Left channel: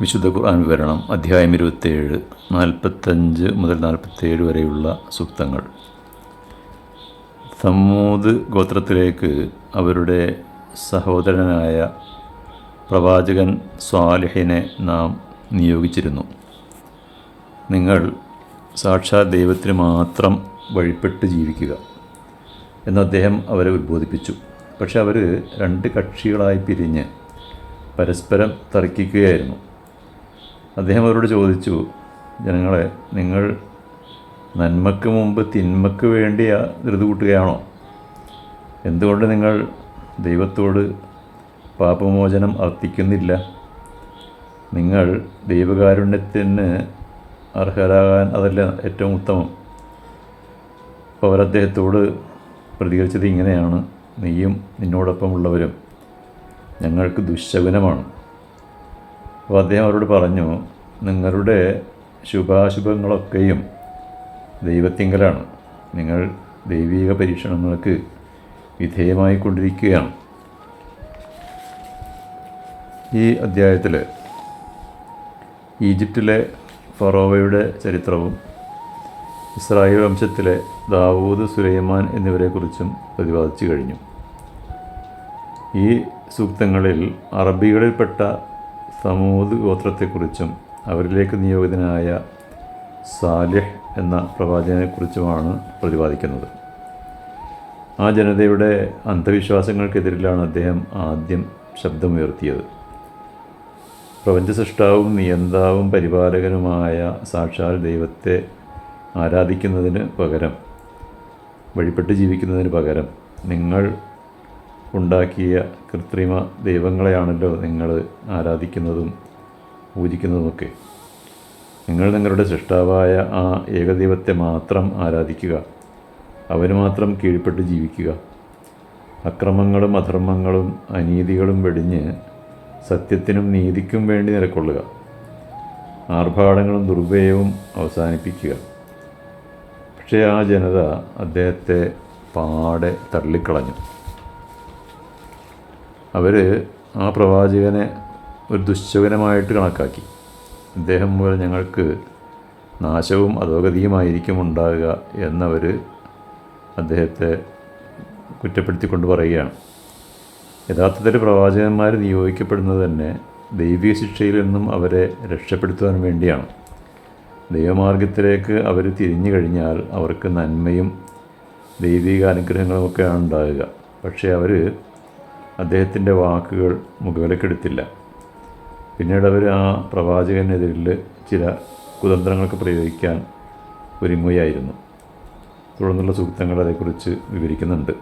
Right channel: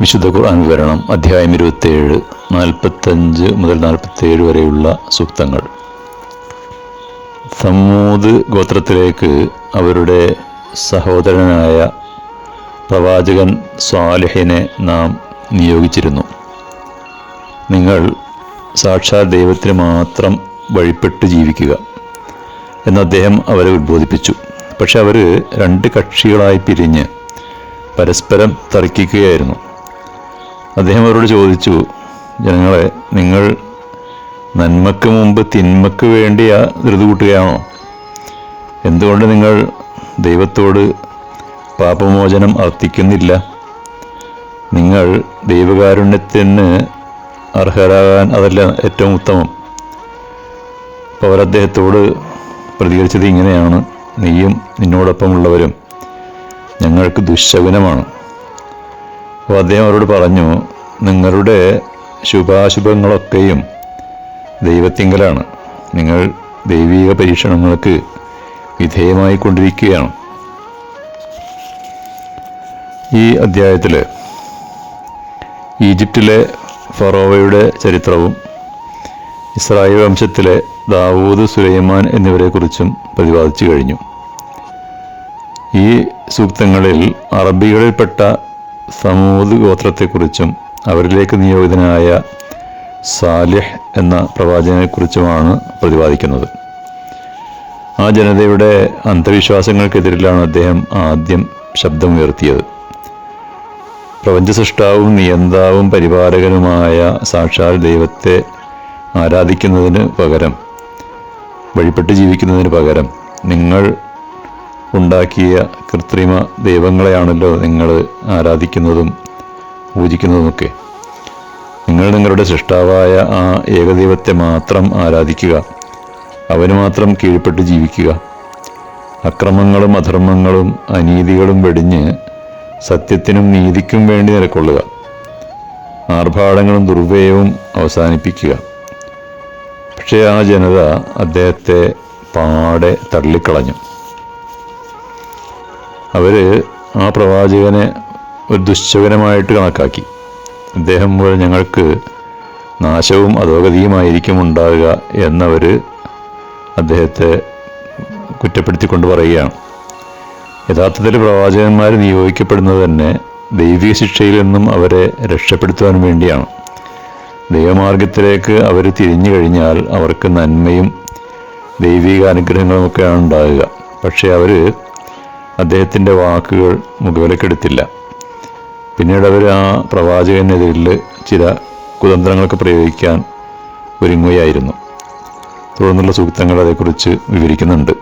വിശുദ്ധ ഖുർആൻ വിവരണം അധ്യായം ഇരുപത്തേഴ് നാൽപ്പത്തഞ്ച് മുതൽ നാൽപ്പത്തേഴ് വരെയുള്ള സൂക്തങ്ങൾ. സമൂത് ഗോത്രത്തിലേക്ക് അവരുടെ സഹോദരനായ പ്രവാചകൻ സ്വാലിഹിനെ നാം നിയോഗിച്ചിരുന്നു. നിങ്ങൾ സാക്ഷാൽ ദൈവത്തിന് മാത്രം വഴിപ്പെട്ട് ജീവിക്കുക എന്ന് അദ്ദേഹം അവരെ ഉദ്ബോധിപ്പിച്ചു പക്ഷെ അവർ രണ്ട് കക്ഷികളായി പിരിഞ്ഞ് പരസ്പരം തർക്കിക്കുകയായിരുന്നു. അദ്ദേഹം അവരോട് ചോദിച്ചു ജനങ്ങളെ നിങ്ങൾ നന്മക്ക് മുമ്പ് തിന്മക്ക് വേണ്ടി ധൃതി കൂട്ടുകയാണോ? എന്തുകൊണ്ട് നിങ്ങൾ ദൈവത്തോട് പാപമോചനം അർത്ഥിക്കുന്നില്ല നിങ്ങൾ ദൈവകാരുണ്യത്തിന് അർഹരാകാൻ അതല്ല ഏറ്റവും ഉത്തമം. അപ്പോൾ അവരദ്ദേഹത്തോട് പ്രതികരിച്ചത് ഇങ്ങനെയാണ്. നീയും നിന്നോടൊപ്പമുള്ളവരും ഞങ്ങൾക്ക് ദുശകുനമാണ്. അപ്പോൾ അദ്ദേഹം അവരോട് പറഞ്ഞു നിങ്ങളുടെ ശുഭാശുഭങ്ങളൊക്കെയും ദൈവത്തിങ്കലാണ്. നിങ്ങൾ ദൈവിക പരീക്ഷണങ്ങൾക്ക് വിധേയമായി കൊണ്ടിരിക്കുകയാണ് ഈ അധ്യായത്തിൽ ഈജിപ്തിലെ ഫറോവയുടെ ചരിത്രവും ഇസ്രായേൽ വംശത്തിലെ ദാവൂദ് സുലൈമാൻ എന്നിവരെക്കുറിച്ചും പ്രതിപാദിച്ചു കഴിഞ്ഞു. ഈ സൂക്തങ്ങളിൽ അറബികളിൽപ്പെട്ട സമൂത് ഗോത്രത്തെക്കുറിച്ചും അവരിലേക്ക് നിയോഗിതനായ സാലിഹ് എന്ന പ്രവാചകനെക്കുറിച്ചുമാണ് പ്രതിപാദിക്കുന്നത്. ആ ജനതയുടെ അന്ധവിശ്വാസങ്ങൾക്കെതിരിലാണ് അദ്ദേഹം ആദ്യം ശബ്ദമുയർത്തിയത്. പ്രപഞ്ച സൃഷ്ടാവും നിയന്താവും പരിപാലകനുമായ സാക്ഷാൽ ദൈവത്തെ ആരാധിക്കുന്നതിന് പകരം വഴിപ്പെട്ട് ജീവിക്കുന്നതിന് പകരം നിങ്ങൾ ഉണ്ടാക്കിയ കൃത്രിമ ദൈവങ്ങളെയാണല്ലോ നിങ്ങൾ ആരാധിക്കുന്നതും പൂജിക്കുന്നതുമൊക്കെ. നിങ്ങൾ നിങ്ങളുടെ സൃഷ്ടാവായ ആ ഏകദൈവത്തെ മാത്രം ആരാധിക്കുക. അവന് മാത്രം കീഴ്പ്പെട്ട് ജീവിക്കുക. അക്രമങ്ങളും അധർമ്മങ്ങളും അനീതികളും വെടിഞ്ഞ് സത്യത്തിനും നീതിക്കും വേണ്ടി നിലക്കൊള്ളുക ആർഭാടങ്ങളും ദുർവ്യയവും അവസാനിപ്പിക്കുക. പക്ഷേ ആ ജനത അദ്ദേഹത്തെ പാടെ തള്ളിക്കളഞ്ഞു. അവർ ആ പ്രവാചകനെ ഒരു ദുശ്ചകനമായിട്ട് കണക്കാക്കി. അദ്ദേഹം മൂലം ഞങ്ങൾക്ക് നാശവും അധോഗതിയുമായിരിക്കും ഉണ്ടാകുക എന്നവർ അദ്ദേഹത്തെ കുറ്റപ്പെടുത്തിക്കൊണ്ട് പറയുകയാണ്. യഥാർത്ഥത്തിൽ പ്രവാചകന്മാർ നിയോഗിക്കപ്പെടുന്നത് തന്നെ ദൈവിക ശിക്ഷയിൽ നിന്നും അവരെ രക്ഷപ്പെടുത്തുവാൻ വേണ്ടിയാണ്. ദൈവമാർഗത്തിലേക്ക് അവർ തിരിഞ്ഞു കഴിഞ്ഞാൽ അവർക്ക് നന്മയും ദൈവിക അനുഗ്രഹങ്ങളുമൊക്കെയാണ് ഉണ്ടാകുക. പക്ഷേ അവർ അദ്ദേഹത്തിന്റെ വാക്കുകൾ മുഖവിലക്കെടുത്തില്ല പിന്നീട് അവർ ആ പ്രവാചകനെതിരിൽ ചില കുതന്ത്രങ്ങളൊക്കെ പ്രയോഗിക്കാൻ ഒരുങ്ങുകയായിരുന്നു. തുടർന്നുള്ള സൂക്തങ്ങൾ അതേക്കുറിച്ച് വിവരിക്കുന്നുണ്ട്.